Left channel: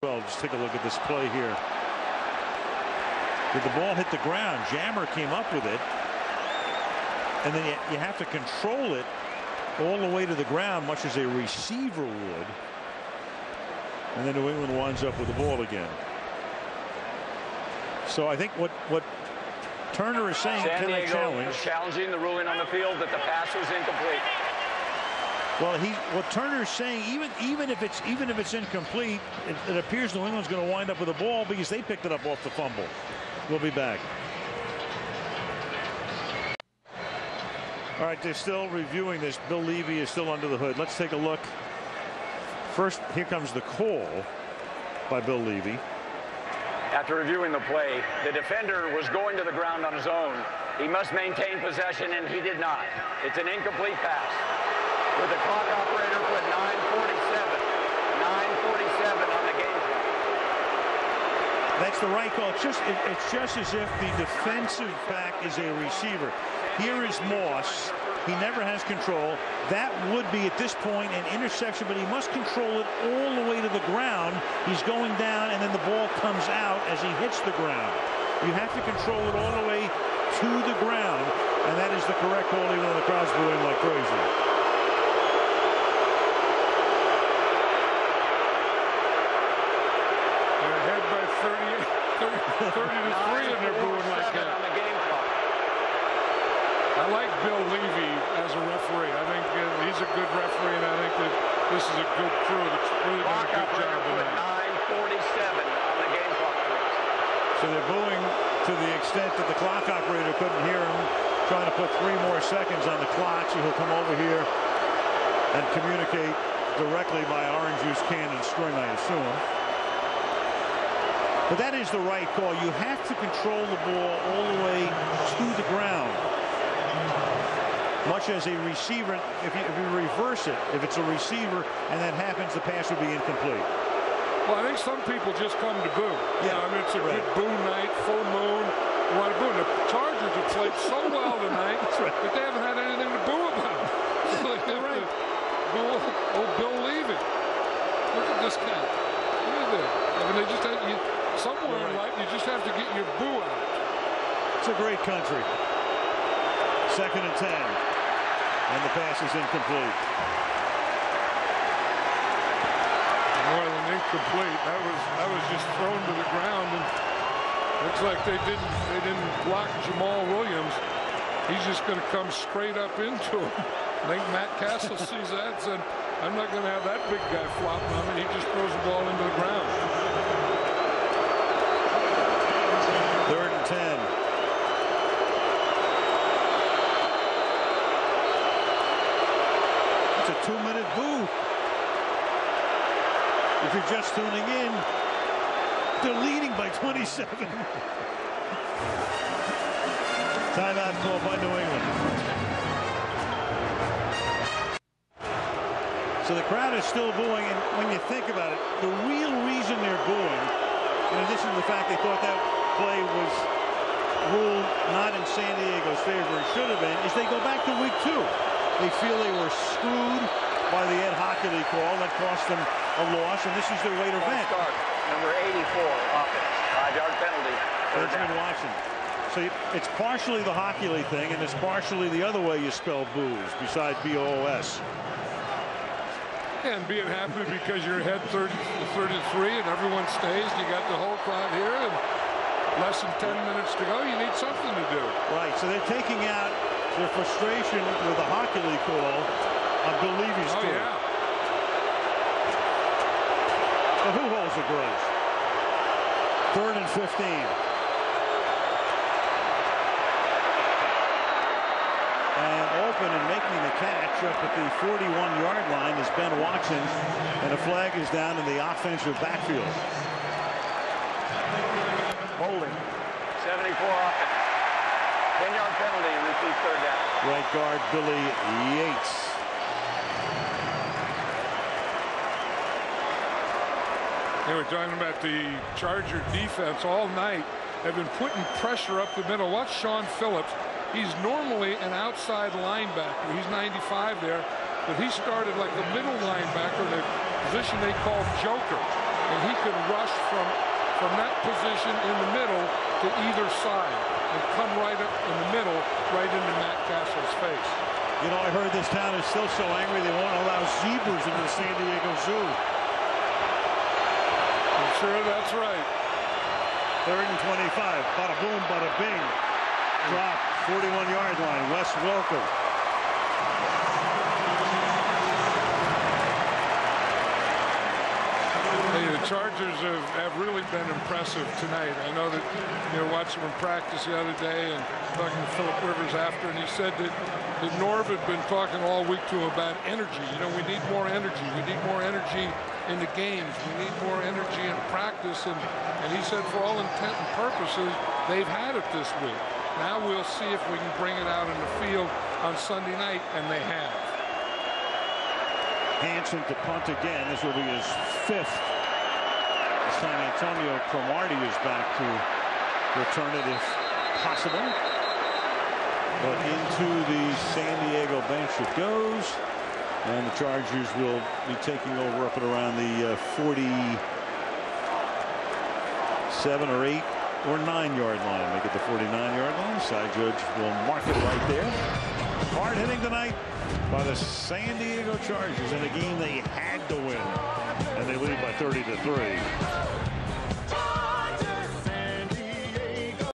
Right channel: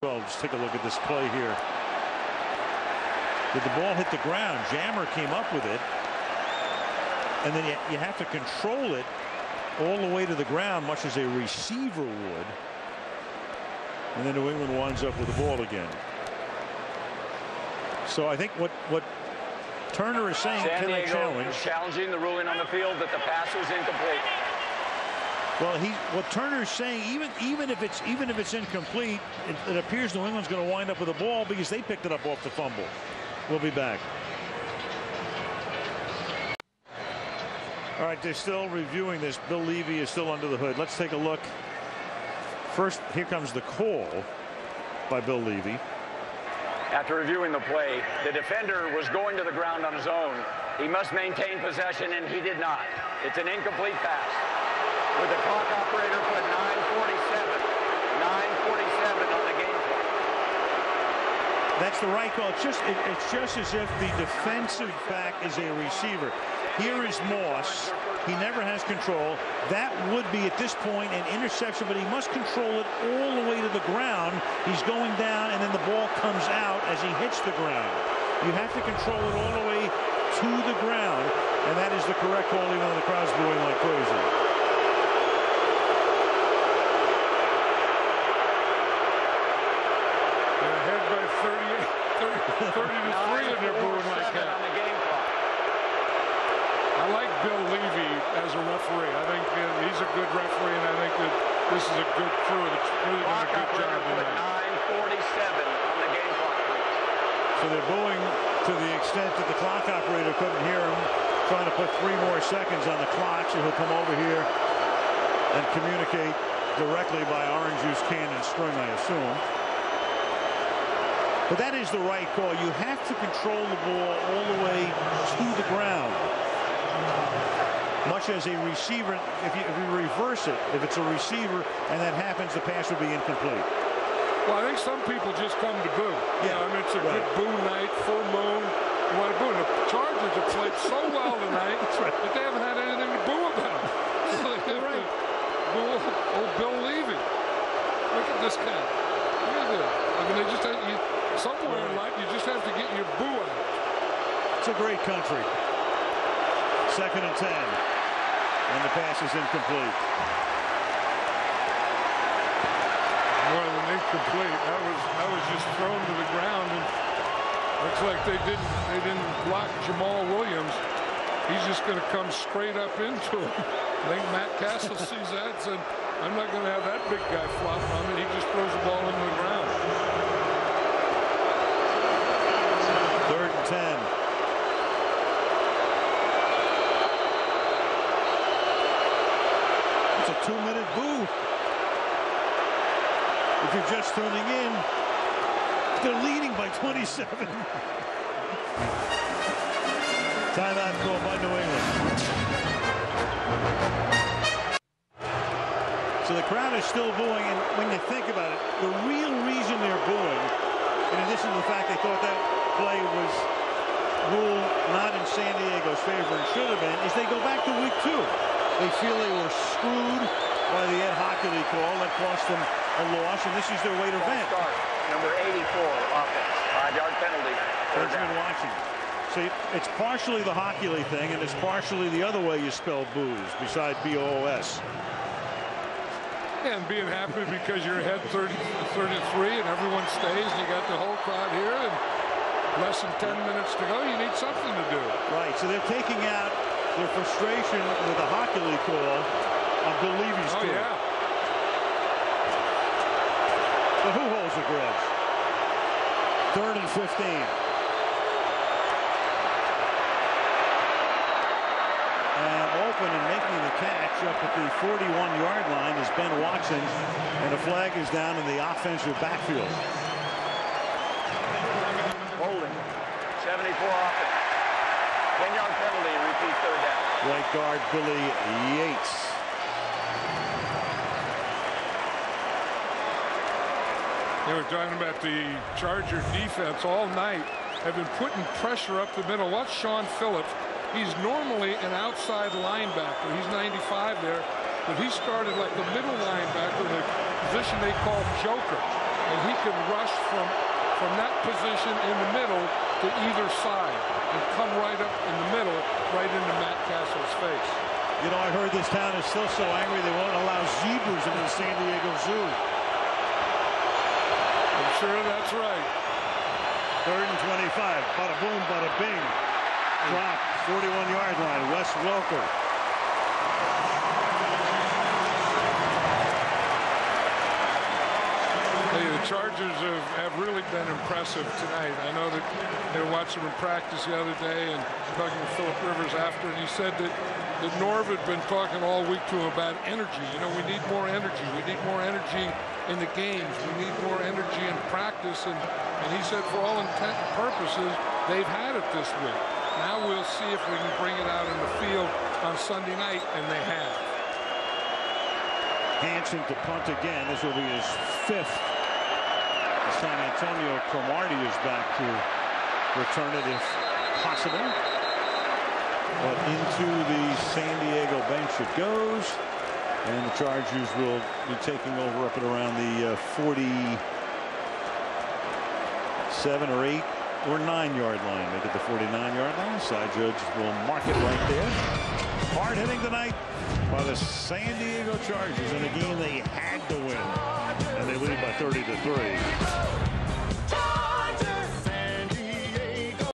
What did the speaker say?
Well, just take a look at this play here. Did the ball hit the ground? Jammer came up with it, and then you have to control it all the way to the ground, much as a receiver would. And then New England winds up with the ball again. So I think what Turner is saying, San can I Diego challenge? Challenging the ruling on the field that the pass was incomplete. Well, what Turner's saying, even if it's incomplete, it appears New England's going to wind up with the ball because they picked it up off the fumble. We'll be back. All right, they're still reviewing this. Bill Levy is still under the hood. Let's take a look. First, here comes the call by Bill Levy. After reviewing the play, the defender was going to the ground on his own. He must maintain possession, and he did not. It's an incomplete pass. With the clock operator put 9:47 on the game clock. That's the right call. It's just as if the defensive back is a receiver. Here is Moss. He never has control. That would be at this point an interception, but he must control it all the way to the ground. He's going down, and then the ball comes out as he hits the ground. You have to control it all the way to the ground, and that is the correct call, even though the crowd's booing like crazy. They're ahead by 30 to 3, and they're booing like that. On the game clock. I like Bill Levy as a referee. I think he's a good referee, and I think that this is a good crew that's really done a good job tonight. 9:47 on the game clock, please. So they're booing to the extent that the clock operator couldn't hear him, trying to put 3 more seconds on the clock, so he'll come over here and communicate directly by orange juice can and string, I assume. But that is the right call. You have to control the ball all the way to the ground. Much as a receiver, if you reverse it, if it's a receiver and that happens, the pass will be incomplete. Well, I think some people just come to boo. Yeah, you know, I mean, it's a good boo night, full moon. You want to boo. And the Chargers have played so well tonight that they haven't had anything to boo about. So they have to boo old Bill Levy. Look at this guy. Look at this. I mean, they just have, somewhere in life, you just have to get your boo out. It's a great country. 2nd and 10. And the pass is incomplete. More than incomplete. That was just thrown to the ground, and looks like they didn't block Jamal Williams. He's just going to come straight up into him. I think Matt Castle sees that and said, I'm not going to have that big guy flopping on me. He just throws the ball into the ground. 3rd and 10. It's a 2-minute boo. If you're just tuning in, they're leading by 27. Timeout call by New England. So the crowd is still booing, and when you think about it, the real reason they're booing, in addition to the fact they thought that play was ruled not in San Diego's favor and should have been, is they go back to week 2. They feel they were screwed by the Ed Hockley call. That cost them a loss, and this is their way to vent. Start. Number 84, offense. 5-yard penalty. Benjamin Watson. So it's partially the Hockley thing, and it's partially the other way you spell booze, beside B-O-O-S. And being happy because you're ahead 30-33 and everyone stays, and you got the whole crowd here, and less than 10 minutes to go, you need something to do. Right, so they're taking out their frustration with the Hockley call on Bill Levy's court. Yeah. But who holds a grudge? 3rd and 15. And open and making the catch up at the 41-yard line is Ben Watson, and a flag is down in the offensive backfield. Holding. 74 offense. 10-yard penalty, repeat 3rd down. Right guard Billy Yates. They were talking about the Charger defense all night. Have been putting pressure up the middle. Watch Sean Phillips. He's normally an outside linebacker. He's 95 there, but he started like a middle linebacker in a position they call joker. and he can rush from that position in the middle to either side and come right up in the middle, right into Matt Castle's face. You know, I heard this town is still so angry they won't allow zebras into the San Diego Zoo. I'm sure that's right. 3rd and 25. Bada boom, bada bing. Drop, 41-yard line. Wes Welker. Hey, the Chargers have really been impressive tonight. I know that, you know, watching them practice the other day and talking to Phillip Rivers after, and he said that Norv had been talking all week to him about energy. You know, we need more energy. We need more energy in the games. We need more energy in practice. And he said for all intent and purposes, they've had it this week. Now we'll see if we can bring it out in the field on Sunday night, and they have. Hansen to punt again. This will be his 5th. This time Antonio Cromartie is back to return it if possible. But into the San Diego bench it goes. And the Chargers will be taking over up at around the 47 or 8 or 9-yard line. Make it the 49-yard line. Side judge will mark it right there. Hard hitting tonight by the San Diego Chargers in a game they had to win. And they lead by 30-3.